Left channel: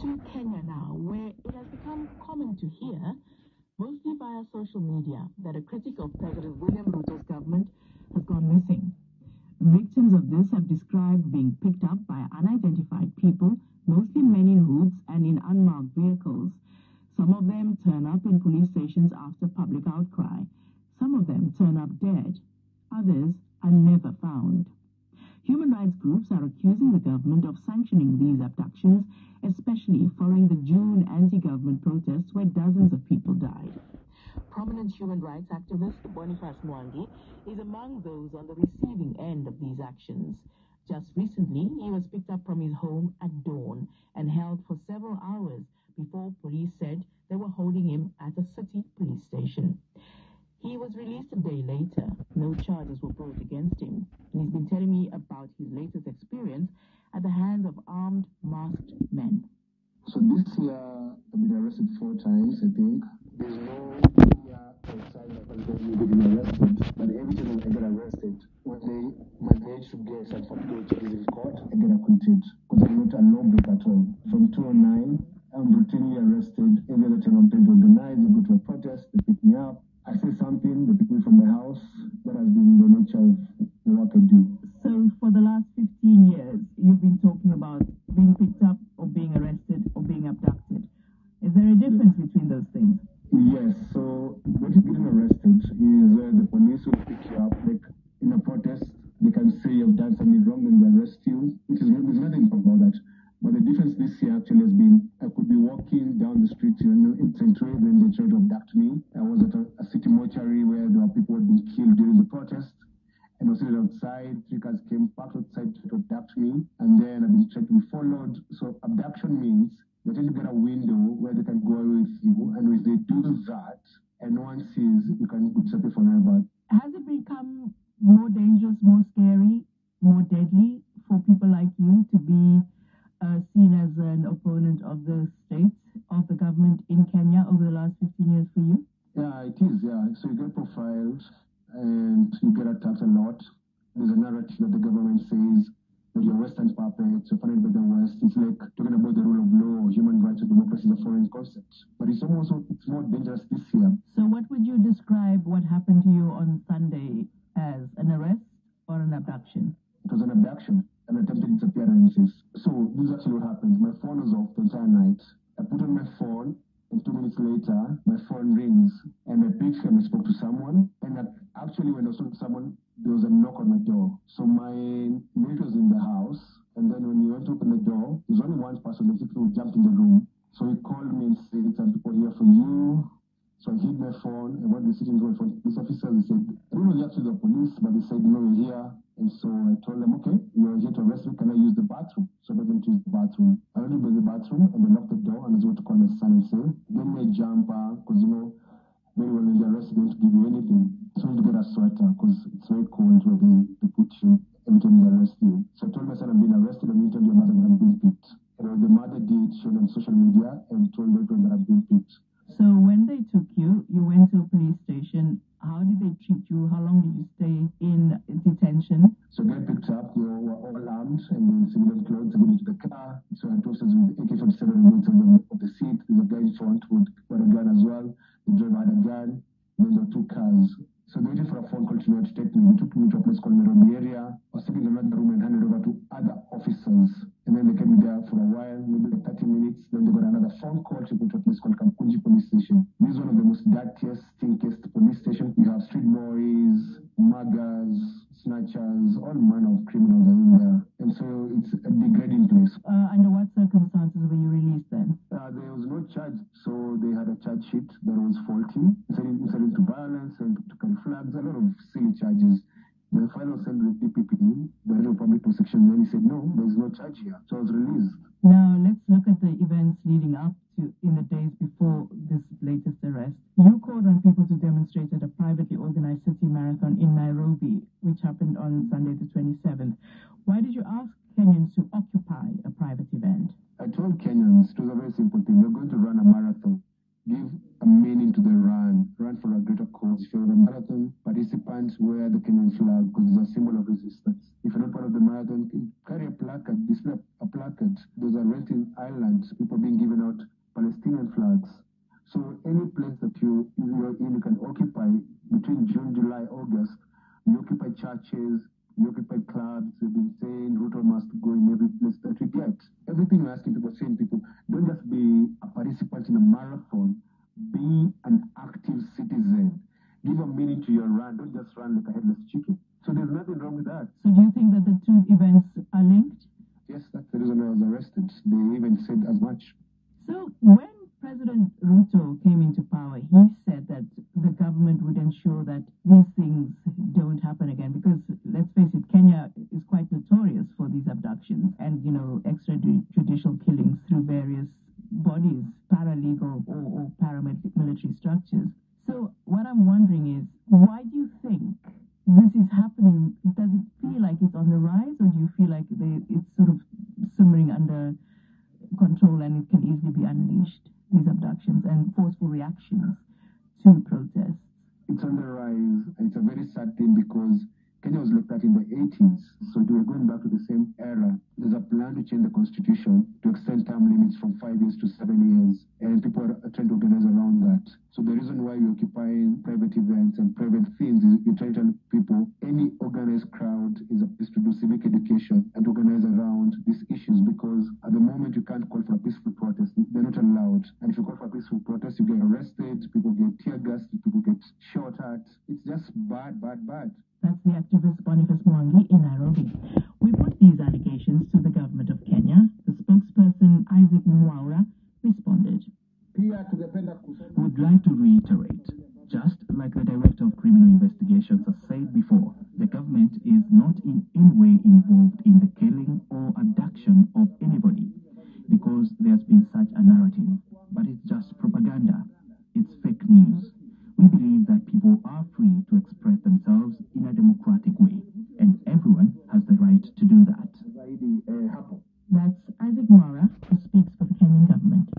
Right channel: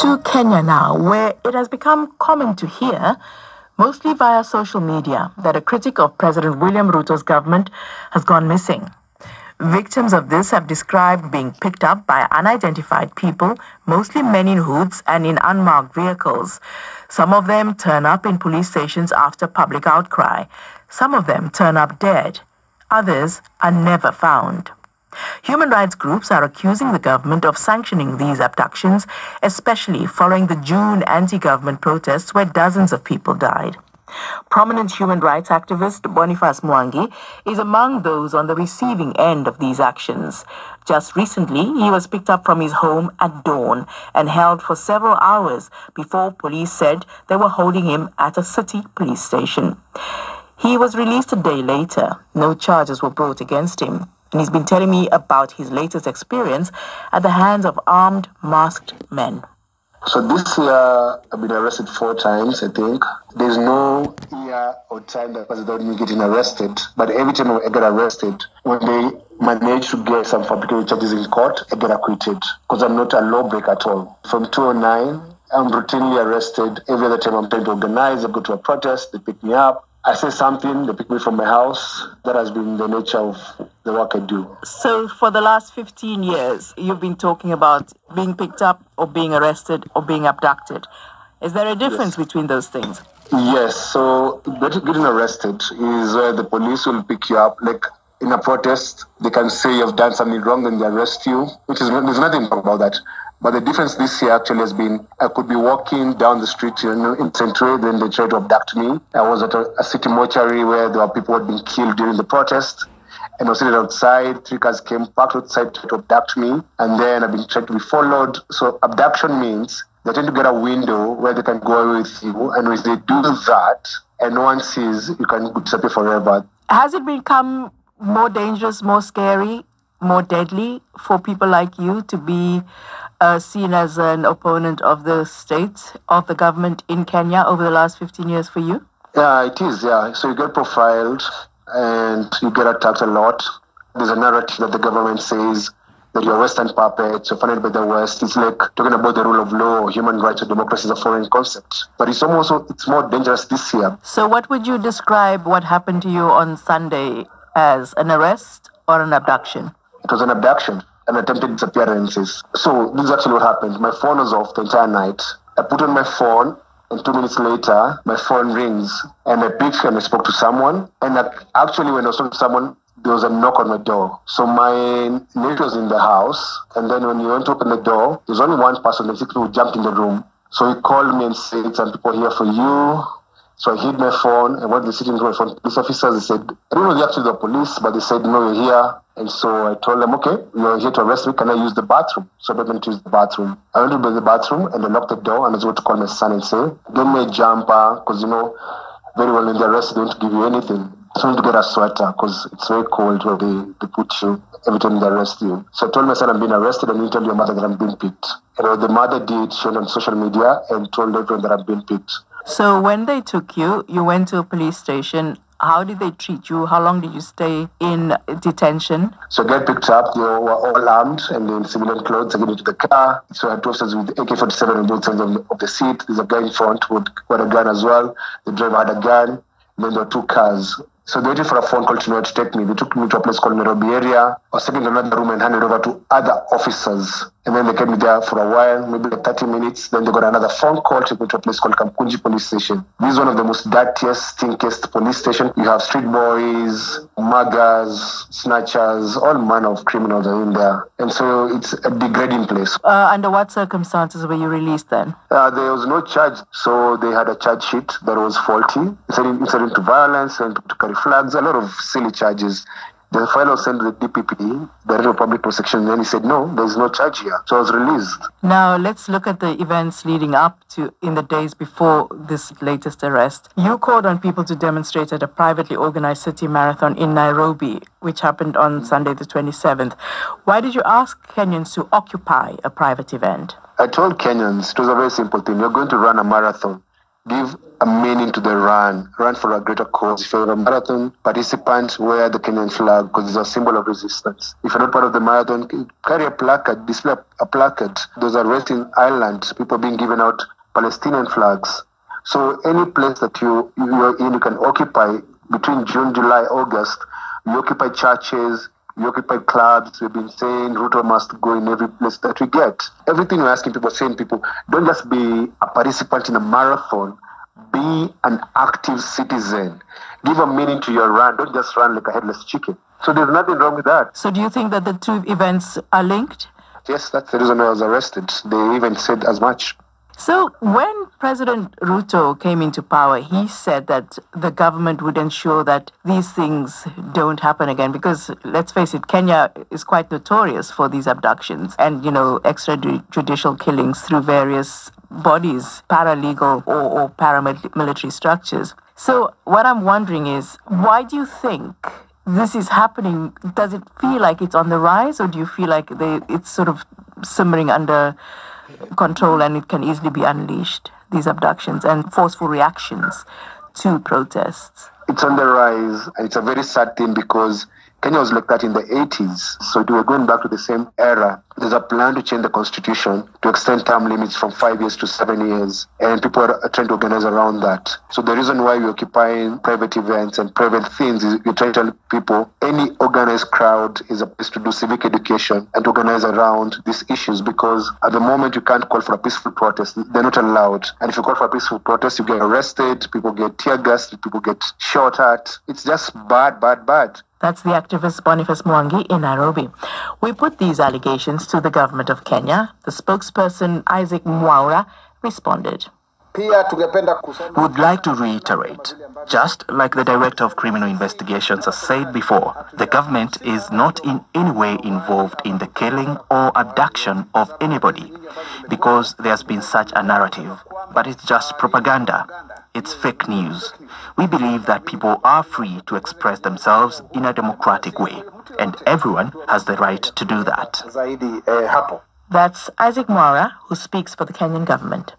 To Kenya now, where it has become common to hear, mostly via social media, that a critic of President William Ruto's government has gone missing. Victims of this have described being picked up by unidentified people, mostly men in hoods and in unmarked vehicles. Some of them turn up in police stations after public outcry. Some of them turn up dead. Others are never found. Human rights groups are accusing the government of sanctioning these abductions, especially following the June anti-government protests where dozens of people died. Prominent human rights activist Boniface Mwangi is among those on the receiving end of these actions. Just recently, he was picked up from his home at dawn and held for several hours before police said they were holding him at a city police station. He was released a day later. No charges were brought against him. And he's been telling me about his latest experience at the hands of armed, masked men. So this year, I've been arrested 4 times, I think. There's no year or time that passes without me getting arrested. But every time I get arrested, when they manage to get some fabricated charges in court, I get acquitted. Because I'm not a lawbreaker at all. From 2009, I'm routinely arrested. Every other time I'm trying to organize, I go to a protest, they pick me up. I say something, they pick me from my house. That has been the nature of the work I do. So for the last 15 years, you've been talking about being picked up or being arrested or being abducted. Is there a difference between those things? Yes. So getting arrested is where the police will pick you up. Like in a protest, they can say you've done something wrong and they arrest you, which is there's nothing wrong about that. But the difference this year actually has been, I could be walking down the street in Central, then they tried to abduct me. I was at a city mortuary where there were people who had been killed during the protest. And I was sitting outside, 3 cars came, parked outside to abduct me. And then I've been trying to be followed. So abduction means they tend to get a window where they can go away with you. And if they do that, and no one sees, you can disappear forever. Has it become more dangerous, more scary, more deadly for people like you to be seen as an opponent of the state, of the government in Kenya over the last 15 years for you? Yeah, it is, yeah. So you get profiled and you get attacked a lot. There's a narrative that the government says that you're Western puppets, you're funded by the West. It's like talking about the rule of law, human rights, or democracy is a foreign concept. But it's more dangerous this year. So what would you describe what happened to you on Sunday as an arrest or an abduction? It was an abduction. And attempted disappearances. So this is actually what happened. My phone was off the entire night. I put on my phone, and 2 minutes later, my phone rings, and I picked and I spoke to someone. And actually, when I was talking to someone, there was a knock on my door. So my mate was in the house, and then when he went to open the door, there was only one person, the people who jumped in the room. So he called me and said, "Some people here for you." So I hid my phone, and when they sitting in my phone, police officers, they said, I don't know the actually the police, but they said, "No, you're here." And so I told them, "Okay, you're here to arrest me. Can I use the bathroom?" So I went to use the bathroom. I went to the bathroom, and I locked the door, and I was going to call my son and say, "Give me a jumper," because, very well when they arrest, they don't give you anything. So I need to get a sweater, because it's very cold where they put you every time they arrest you. So I told my son I'm being arrested, and he told your mother that I'm being picked. And what the mother did, she went on social media and told everyone that I'm being picked. So when they took you, you went to a police station. How did they treat you? How long did you stay in detention? So I got picked up. They were all armed and in civilian clothes. I got into the car. So I had 2 officers with AK-47 on both sides of the seat. There's a guy in front who had a gun as well. The driver had a gun. And then there were 2 cars. So they waited for a phone call to take me. They took me to a place called Nairobi area. I was taken to another room and handed over to other officers. And then they kept me there for a while, maybe like 30 minutes. Then they got another phone call, took me to a place called Kamkunji Police Station. This is one of the most dirtiest, stinkiest police stations. You have street boys, muggers, snatchers, all manner of criminals are in there. And so it's a degrading place. Under what circumstances were you released then? There was no charge. So they had a charge sheet that was faulty. Incitement to violence and to carry flags, a lot of silly charges. The file was sent to the DPP, Director of Public Prosecution, and then he said, "No, there is no charge here." So I was released. Now, let's look at the events leading up to in the days before this latest arrest. You called on people to demonstrate at a privately organized city marathon in Nairobi, which happened on Sunday the 27th. Why did you ask Kenyans to occupy a private event? I told Kenyans, it was a very simple thing. You're going to run a marathon. give a meaning to the run for a greater cause. If you're a marathon participant, wear the Kenyan flag because it's a symbol of resistance. If you're not part of the marathon, carry a placard, display a placard. Those are resting islands, people being given out Palestinian flags. So any place that you're in, you can occupy between June, July, August. You occupy churches, you occupy clubs. We've been saying Ruto must go in every place that we get. Everything we're asking people, saying people, don't just be a participant in a marathon, be an active citizen. Give a meaning to your run. Don't just run like a headless chicken. So there's nothing wrong with that. So do you think that the two events are linked? Yes, that's the reason I was arrested. They even said as much. So when President Ruto came into power, he said that the government would ensure that these things don't happen again because, let's face it, Kenya is quite notorious for these abductions and, extrajudicial killings through various bodies, paralegal or paramilitary structures. So what I'm wondering is, why do you think this is happening? Does it feel like it's on the rise, or do you feel like it's sort of simmering under control and it can easily be unleashed, these abductions and forceful reactions to protests? It's on the rise, and it's a very sad thing because Kenya was like that in the 80s. So we're going back to the same era. There's a plan to change the constitution to extend term limits from 5 years to 7 years. And people are trying to organize around that. So the reason why we're occupying private events and private things is we're trying to tell people any organized crowd is a place to do civic education and to organize around these issues, because at the moment you can't call for a peaceful protest. They're not allowed. And if you call for a peaceful protest, you get arrested, people get tear gassed, people get shot at. It's just bad, bad, bad. That's the activist Boniface Mwangi in Nairobi. We put these allegations to the government of Kenya. The spokesperson, Isaac Mwaura, responded. We would like to reiterate, just like the Director of Criminal Investigations has said before, the government is not in any way involved in the killing or abduction of anybody, because there's been such a narrative. But it's just propaganda. It's fake news. We believe that people are free to express themselves in a democratic way, and everyone has the right to do that. That's Isaac Mwaura, who speaks for the Kenyan government.